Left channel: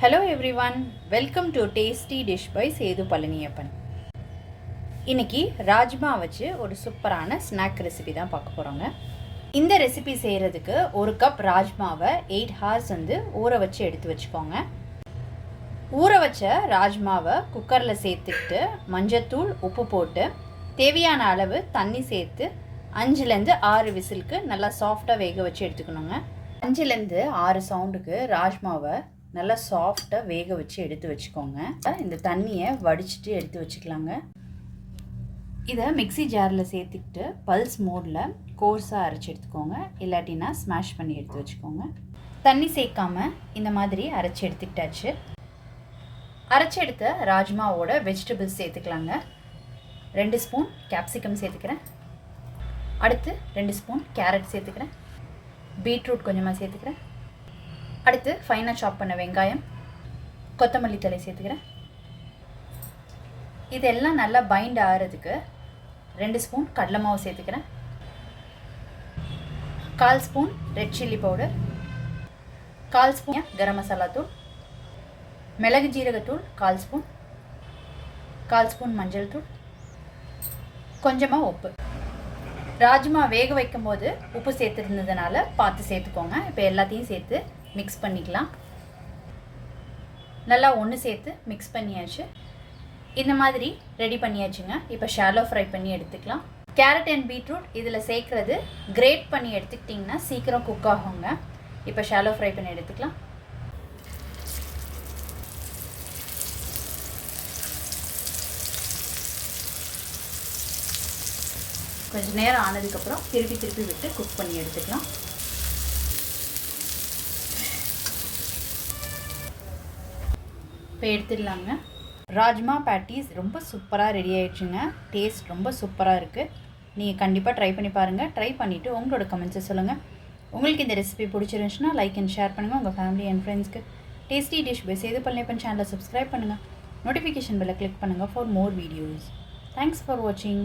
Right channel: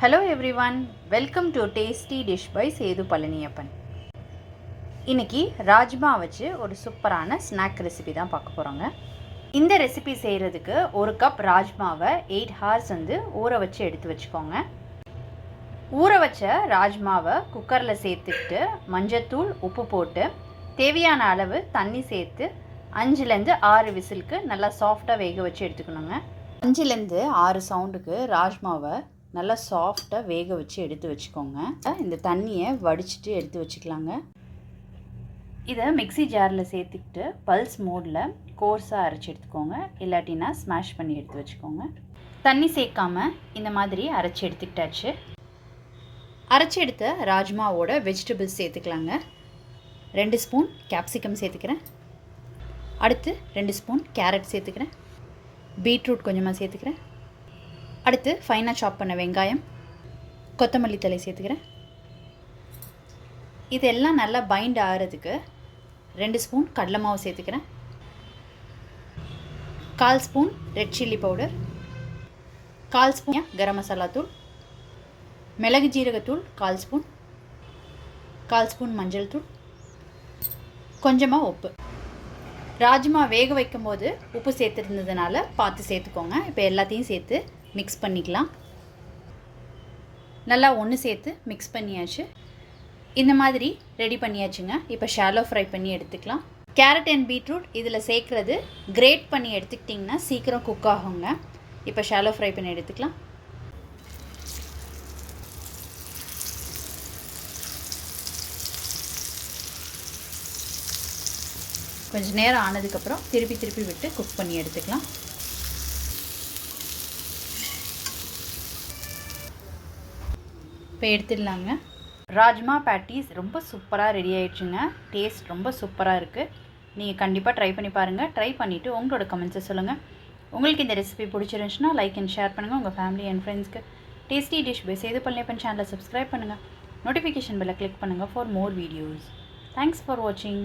Hello everyone, welcome to Tasty Dish by Sethu Palaniyappan. இன்னைக்கு ராஜ்மா வச்சு ஒரு சூப்பரான ஸ்நாக் ரெசிபி தான் பார்க்க போகிறோங்க. இந்த ரெசிபி செய்கிறதுக்கு ஒரு கப் ராஜ்மாவை 8 hours ஊற வச்சு எடுத்து வச்சுக்கோங்க. ஊற வச்ச ராஜ்மாவை குக்கரில் சேர்த்துக்கிட்டு மஞ்சத்தூள் உப்பு போட்டு தேவையான அளவு தண்ணி சேர்த்து 5-6 விசிலுக்கு நல்லா சாஃப்டாக வேக வச்சு எடுத்துக்கணுங்க. 5-6 சவுண்டுக்கு ராஜ்மாவை நல்லா சாஃப்டாக வேக வச்சு எடுத்து வச்சுக்கோங்க. இந்த தண்ணியை வடிச்சிட்டு எடுத்து வச்சுக்கலாங்க. இதை மிக்சி ஜாரில் சேர்த்துக்கிட்டு பல்ஸ் மோடில் கோர்ஸாக அரைச்சி எடுத்துக்கோங்க. இல்லாட்டினா ஸ்மாஷ் பண்ணி எடுத்து வச்சுக்கோங்க. தண்ணி சேர்க்காமல் இந்த மாதிரி அரைச்சி எடுத்துக்கிட்டாச்சு. அரைச்சி எடுத்த ராஜ்மாவோட வெஜிடபிள்ஸ் சேர்த்துக்கலாங்க. 2 ஸ்பூன் கேப்சிகம் சேர்த்துக்கிறேன். அடுத்து 2 ஸ்பூன் கேரட் சேர்த்துக்கிறேன். பீட்ரூட் கொஞ்சமாக சேர்த்துக்கிறேன். அடுத்து ஃபைனாக சாப் பண்ண வெங்காயம், கொத்தமல்லி தழை சேர்த்துக்கிறேன். இதெல்லாம் நல்லா பைண்ட் ஆகிறதுக்கு 2 ஸ்பூன் கடலை மாவு சேர்த்துக்கிறேன். 1/4 spoon red chilli powder, 1/4 spoon garam masala தூள், மிளகு ஜீரகத்தூள் 1/4 ஸ்பூன், 1/4 ஸ்பூன் மஞ்சள் தூள், கொஞ்சமாக உப்பு. ராஜ்மா வேக வைக்கும் போது உப்பு சேர்த்துருந்ததுனால பார்த்து சேர்த்துக்கோங்க. இப்போ எல்லாத்தையும் சேர்த்து மிக்ஸ் பண்ணிக்கலாம். நல்லா ஒன்று சேர்த்து மிக்ஸ் பண்ணியாச்சு. இந்த மாதிரி ரெடி பண்ணியாச்சுங்க. இப்போ ஷாலோ ஃப்ரை பண்ணி எடுத்துக்கலாம். கேரட் அண்ட் பீட்ரூட் இதில் சேர்க்குறது கிரேட் பண்ணி எடுத்துக்கிட்டிங்கன்னா சீக்கிரம் குக் ஆகுங்க. இப்போ ஷாலோ ஃப்ரை பண்ணி எடுத்துக்கலாம். கொஞ்சம் நேரம் ஆனதுக்கப்புறம் திருப்பி விட்டு குக் பண்ணி எடுத்துக்கலாம். இப்போ எடுத்துடலாங்க. ராஜ்மா பேட்டிஸ் ரொம்ப சூப்பராக ரெடி ஆகிடுச்சுங்க. டேஸ்ட் ரொம்ப சூப்பராக இருக்குது. நீங்கள் கண்டிப்பாக ட்ரை பண்ணி பாருங்கள். ட்ரை பண்ணிவிட்டு உங்களோட கமெண்ட்ஸை சொல்லுங்கள். உங்களுக்கு இந்த ரெசிபி பிடிச்சிருந்துச்சுன்னா லைக் அண்ட் ஷேர் பண்ணுங்கள். உங்கள் ஃபேமிலி அண்ட் ஃப்ரெண்ட்ஸ்க்கு tasty dish by Sethu Palaniappan சேனலை சப்ஸ்கிரைப் பண்ணுங்கள். நோட்டிஃபிகேஷன் பெல்லை கிளிக் பண்ணுங்கள் for more videos. Thanks for வாட்சிங்.